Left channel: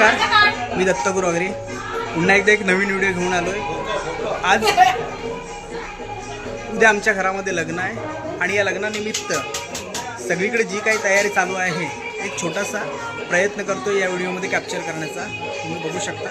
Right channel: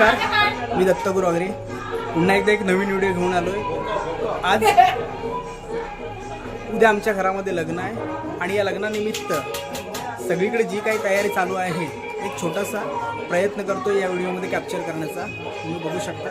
नमस्कार, मी दत्तगुरू वगैरे पुन्हा एकदा एक नवीन व्हिडिओ घेऊन आलोय। आज उद्या आमच्या घरामध्ये लग्न आहे आणि या लग्नानिमित्त सगळीकडे जी काही तयारी चालू आहे एक छोटासा प्रयत्न करतो या व्हिडिओमध्ये कॅप्चर करण्याचा। तुम्ही बघू शकता।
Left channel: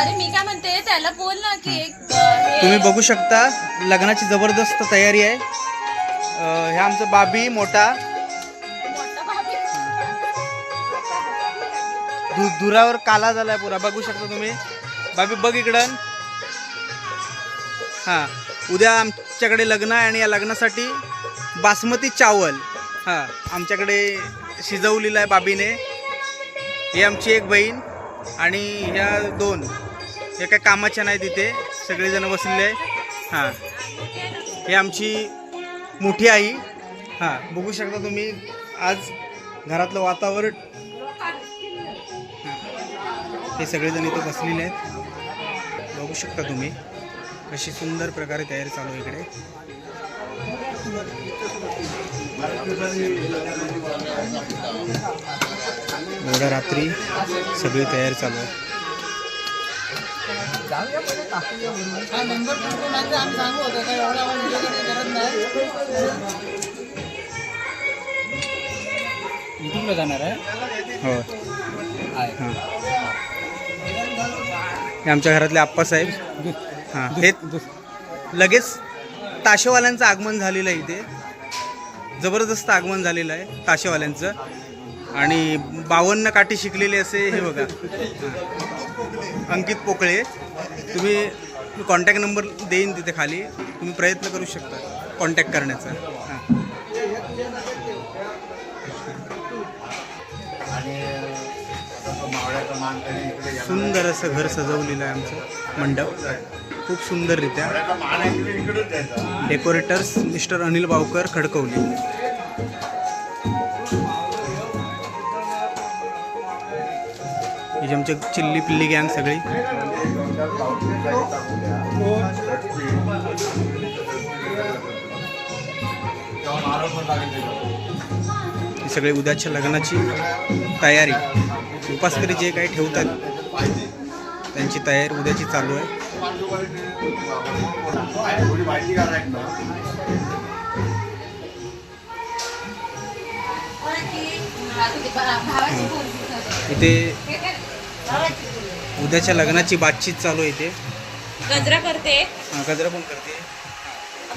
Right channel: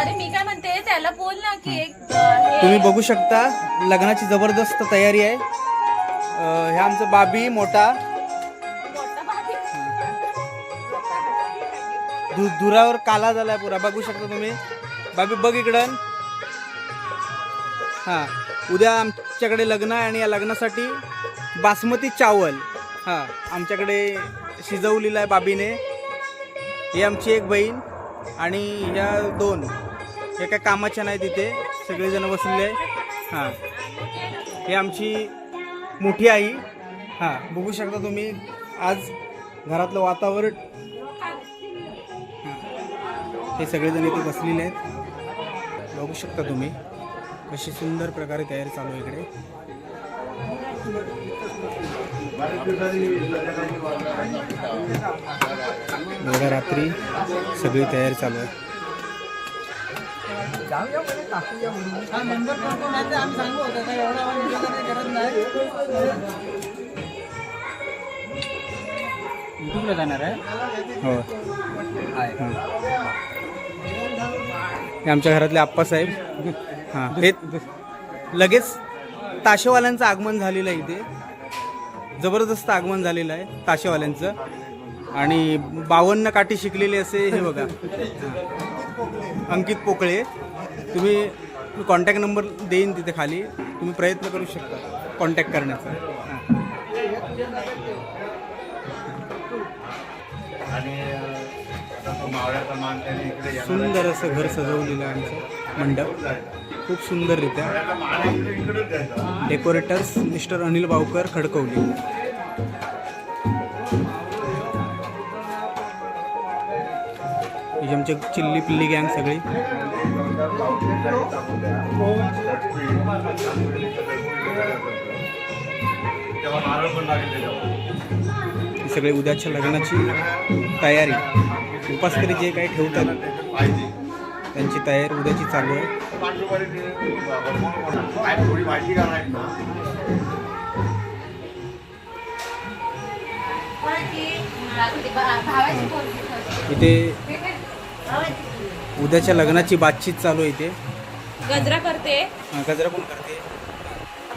अरे मी काय म्हणते त्याला बोल ना की एक तुम्ही बघू शकता लग्नाची जबरदस्त तयारी आहे। हे आमचं बाबी मोठा दुरावर काला झालाय पुरा, बघू शकता तुम्ही। बाबी बघ इकडं। हां, उद्या आमच्याकडे लग्न आहे आणि या लग्नासाठी बासमती चावल आमच्याकडे शिजवलेलं आहे बाबीने। ही आमची एक बहीण आणि ह्या दोन हे काय कामाच्या नाही, तिथे सगळेजण बसलेले आहे। हां, हे आमची मोठी आई। हां, बघू शकता तुम्ही आज घरातलं वातावरण। हे सगळेजण इथे बसलेले आहेत, बघू शकता तुम्ही कशी सुंदर प्रकारे तयारी चालू आहे इकडे। एवढ्या रात्री सगळी तयारी चालू आहे। जाणार आहे हो। हां, हे आमच्या घरातले आप्पासाहेब। हां, हे लगेच ताशेवाल्यांचं आगमन झालेलं आहे, इथे जबरदस्त आगमन झालेलं आहे ताशेवाल्यांचं। आणि 52 काठी शिकलेले असे हे बघा अंकित पोकळे। तुम्ही कॉन्टॅक्ट नंबर देईन तिथे खाली, तुम्ही प्रयत्न करू शकता कॉन्टॅक्ट करण्याचा। हां, सुंदर असं घर सजवलेलं आहे आमचं मंडप, खूप सुंदररित्या। Decorators mister Anil Bavkar Khadakwali. ही आमची चिल्ली पिल्ली गँग सगळी। ही सगळी उद्याच्या लग्नाची तयारी, उपासकरी जे काही ठेवतात त्यांची तयारी उद्याची चालू आहे। इथे उद्याच्या लग्नाची बातचीत चालू आहे इथे। गजरा करते। हां, गजरा कोण करते?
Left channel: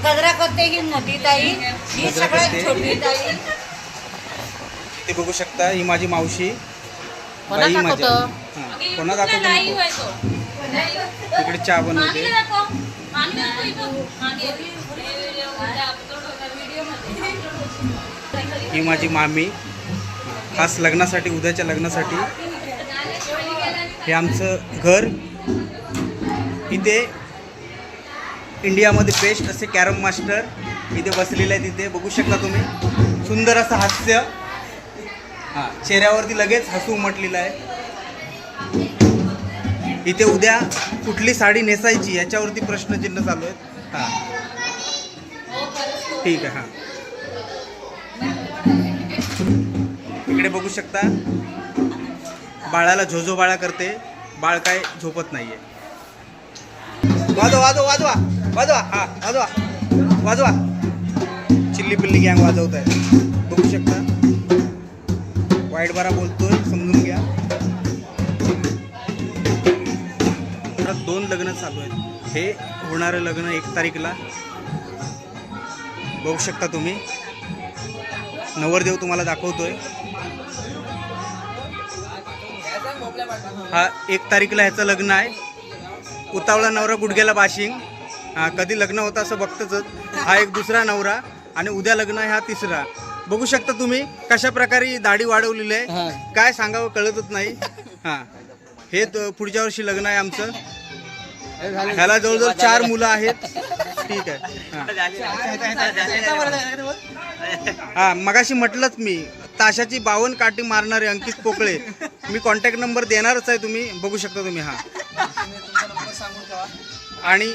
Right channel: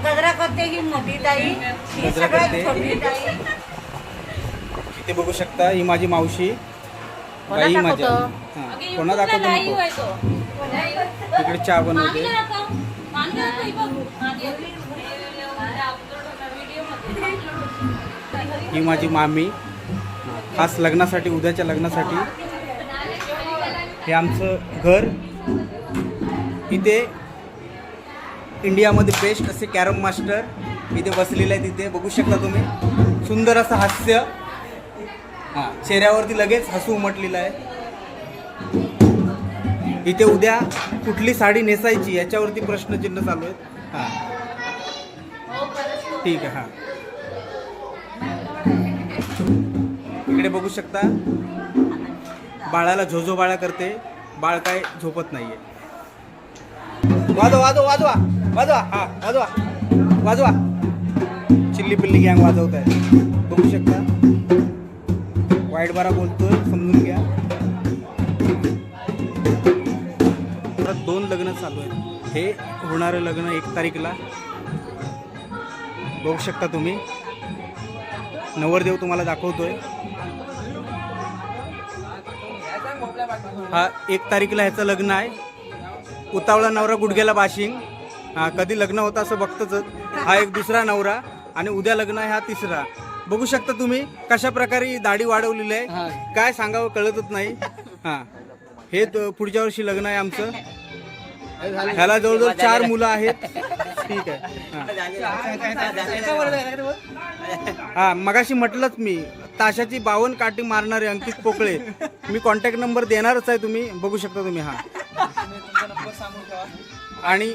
गजरा करते ही मोठी ताई, ही सगळ्यात छोटी ताई। ते बघू शकता, ही माझी मावशी। बाई माझ्या। हां, कोणा दाखवतो नको, तिकडे चहा बनवते। ही माझी मामी, खास लग्नासाठी उद्याच्या लग्नासाठी। हे आमचं घर, इथे इंडियामध्ये बेस्ट असे कॅरम मास्टर इथे बसलेले आहेत। तिथे बघू शकता तुम्ही सुंदर असं हास्य। हां, चेहऱ्यावरती लगेच हसू उमटलेलं आहे। इथे उद्या कुठली साडी नेसायची याच्यावरती प्रश्नचिन्ह चालू आहेत। हां, ठीक आहे। हां, इकडे बघू शकता बाळाला झोझोबाळा करते, बाळ काय झोपत नाहीये। वाजवा वाजवा वाजवा वाजवा। हां, वाजवा वाजवा। चिल्ली पिल्ली गँग वाजवत आहे, बघू शकता। वाईट बारा बोलतोय, समजून घ्या। परत 2 लग्न चालू आहेत। हे होणारं लग्न 1 तारीखला बघू शकता तुम्ही। नवरदेव तुम्हाला दाखवतोय। हा 1 तारीखला ह्याचं लग्न आहे। उतावळा नवरा गुडघ्याला बाशिंग। हां, कधी लग्न होतं असं बघतच। हा एक दुसरा नवरा आणि उद्या लग्न आहे हा 3रा। बघू शकता तुम्ही कशा प्रकारे दाढी वाढवलेली आहे, काय सांगावं कळतच नाही। हां, हे पुढच्या वर्षी लग्न आहे आमचं। ह्याला जवळजवळ 4 मुलं आहेत। ठीक आहे। हां, मगाशी म्हटलंच मी, ताशाची 52 काठी मारणारे अंकित पोकळे। मी कॉन्टॅक्ट नंबर देणारच आहे, तुम्ही बघू शकता तुम्ही। हां, आणि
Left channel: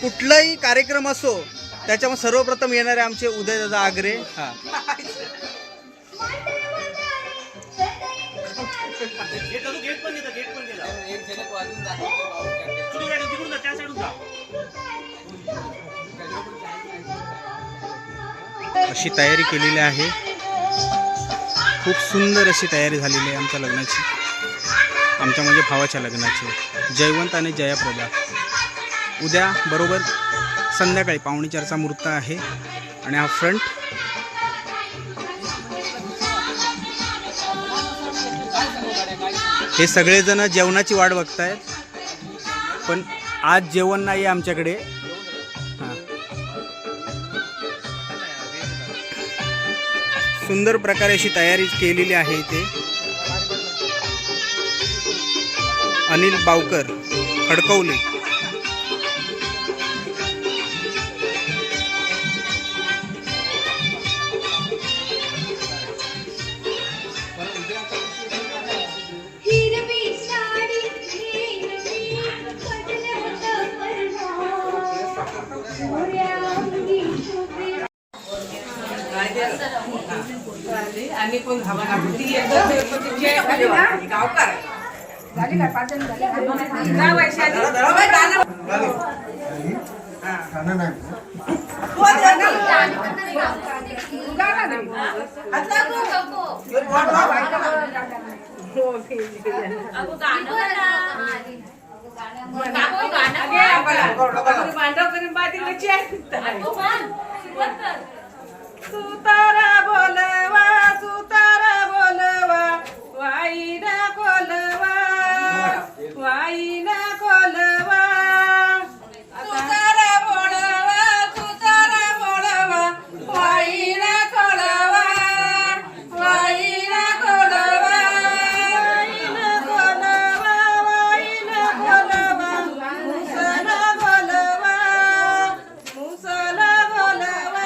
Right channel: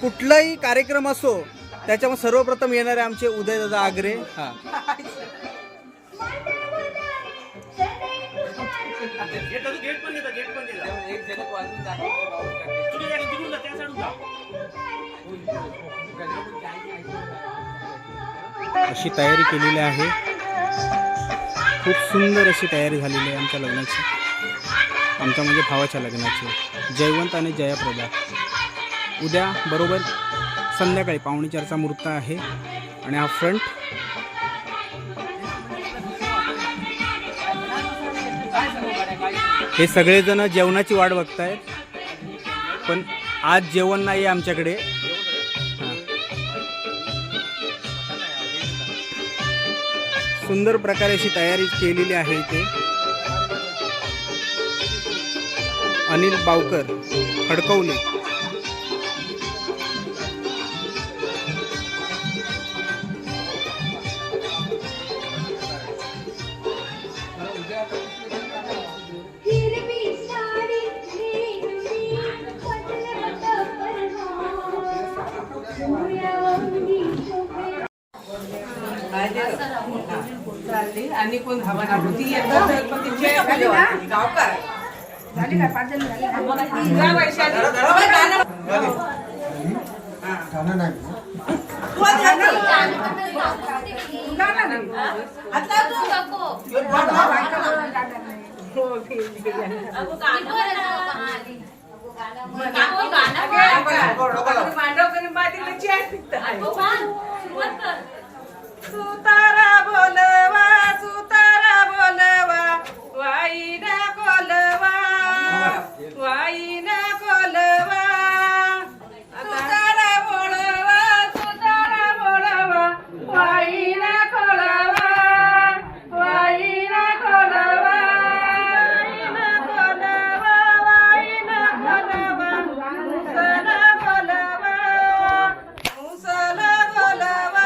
कुठलाही कार्यक्रम असो त्याच्यामुळे सर्वप्रथम येणारे आमचे उदयदादा आगरे. हा अशी तयारी केलेली आहे. खूप सुंदर अशी तयारी झालेली आहे आमच्या लग्नाची, आमच्या म्हणजे भावाच्या लग्नाची. जयवंत आणि जयाप्रदा. उद्या बरोबर संध्याकाळी 3:45चा मुहूर्त आहे. आणि हा फ्रंट हे सगळेजण जेवणाची वाट बघतायत, पण आज जेवण नाही आहे आमच्याकडे. हां, सुंदर प्रकारे अशी तयारी केलेली आहे इथे. अनिल बावकर खडकवले. आणि कोण हवा लागली गावकार झाली काय 5 जण झाले सुतारा बोलवा वाई न कोलवा वाई न कोलवा सुतारा बोलवा वाई न कोलवा वाई न कोलवा वाई न कोलवा मुसला बोलवा मुसला बोलवा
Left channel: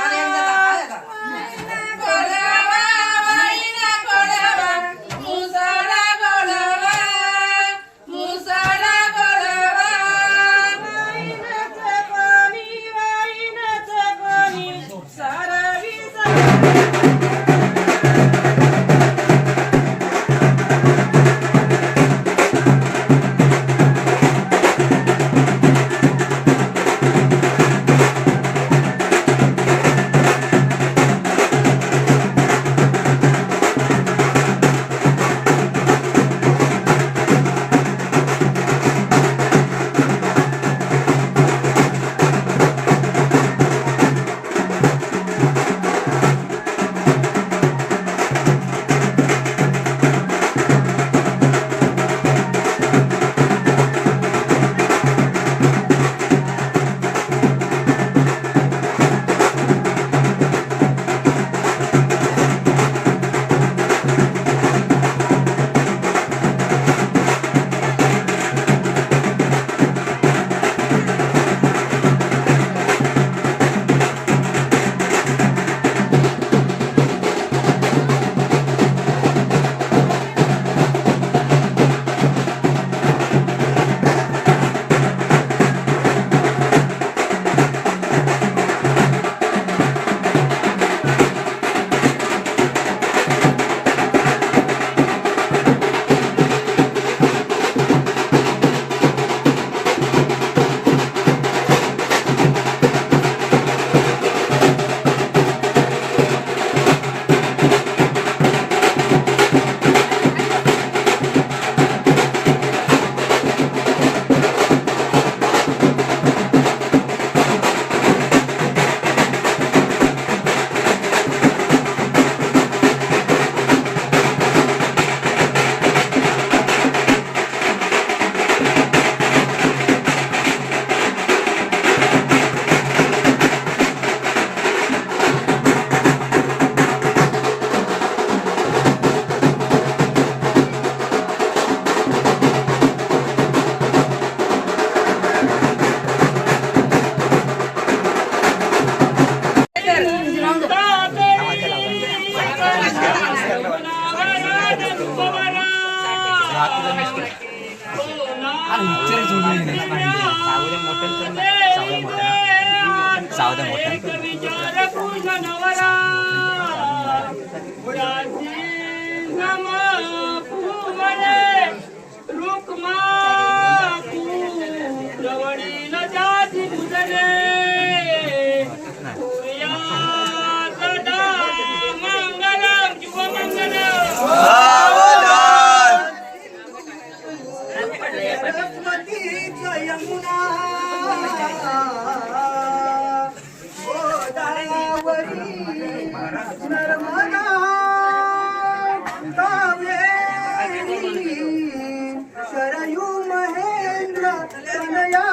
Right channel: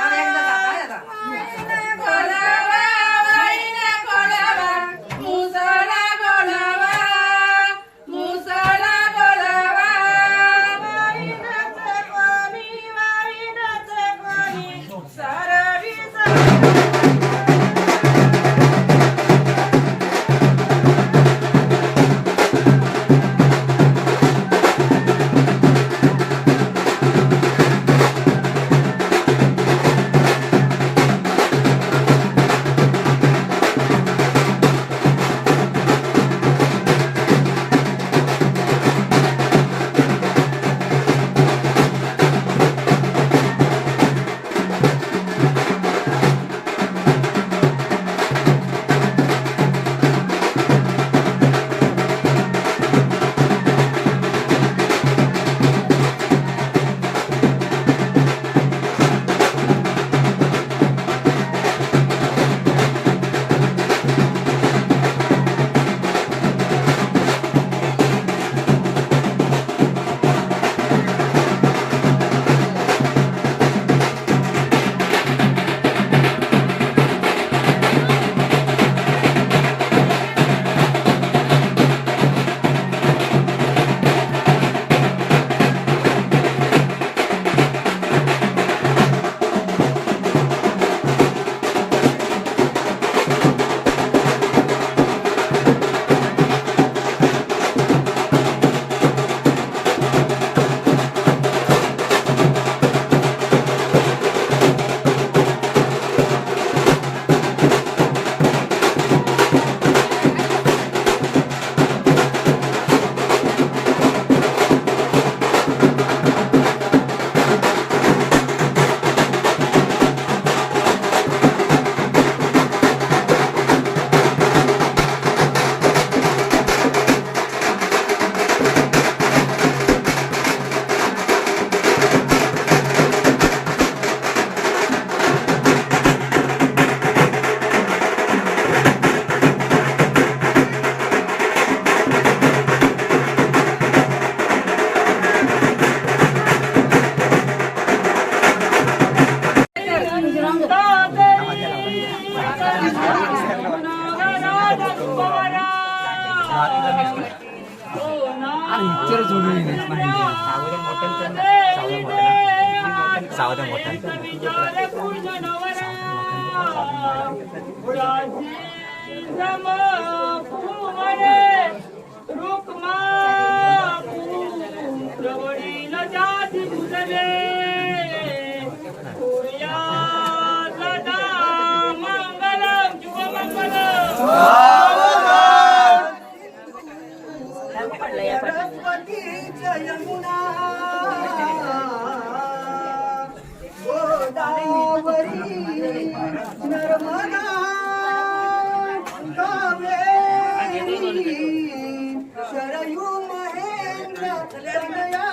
शरयू महेंद्र तनया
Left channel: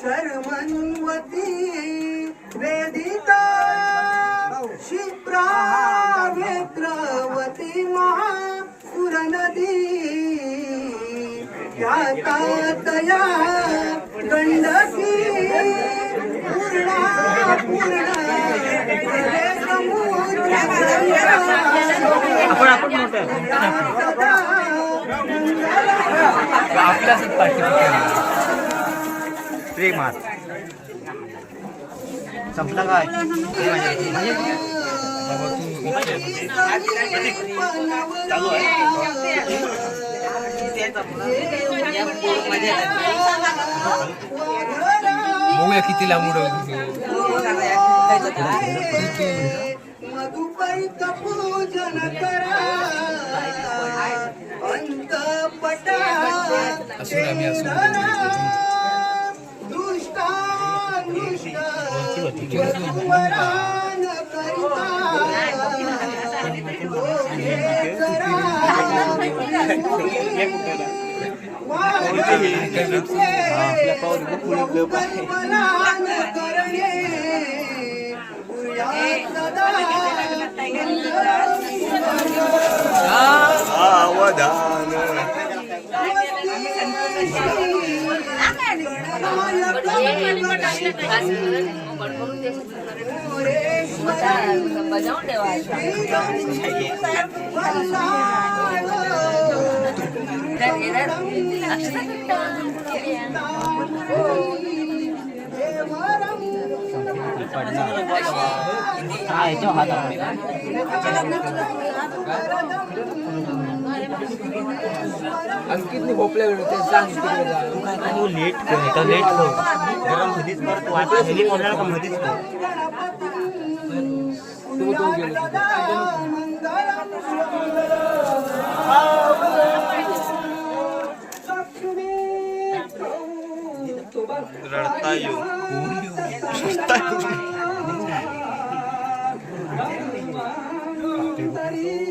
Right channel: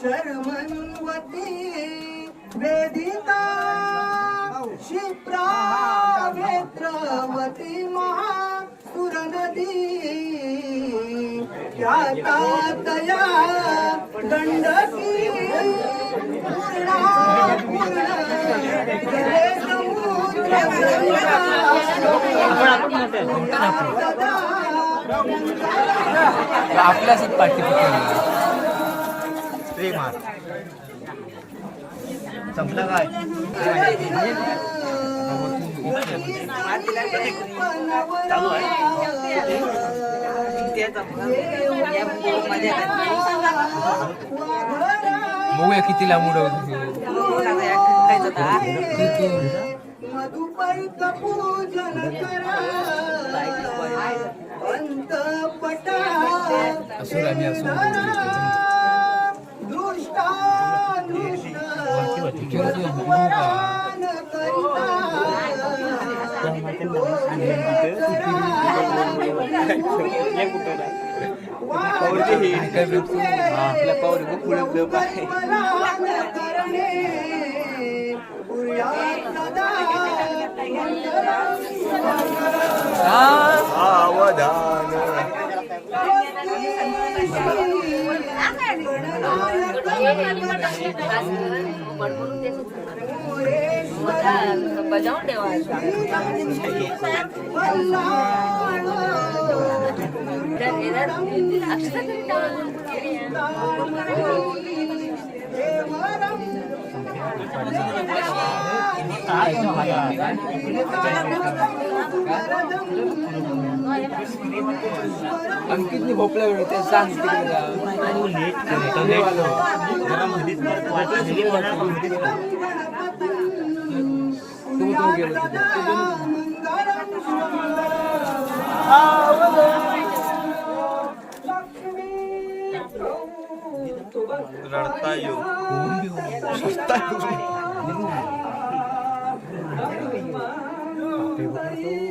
शर्मन्वती वेदिका क्षिप्रा वेत्रवती महासुरनदी यातातया गंडकी पूर्णा पूर्ण जले समुद्र आपल्याच संपला काय चालू आहे बघूया किती लांब मधुपैत पूजन करा अंतपटा दुष्टा वरान आपल्या पावरी पुढे करणे सावधान बजावून ठेवा अंकितने भोपल्या वेळ ते सांग रडता येऊ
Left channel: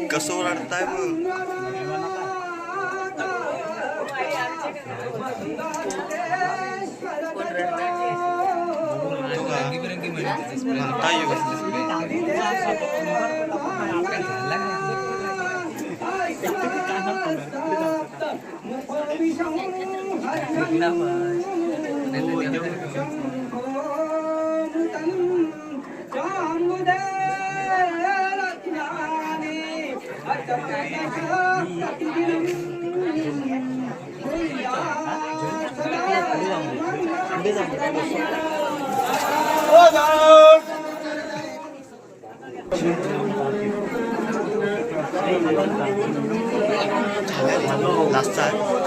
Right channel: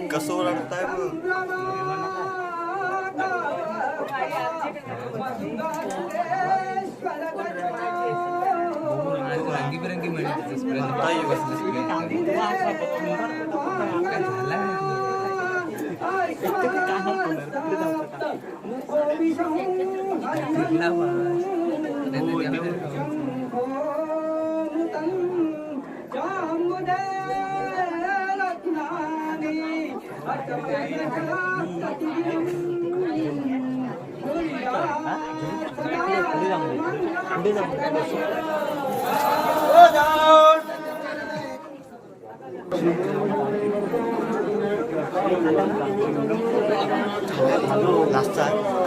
कसं रडताय म्हणता येऊ लास्टचा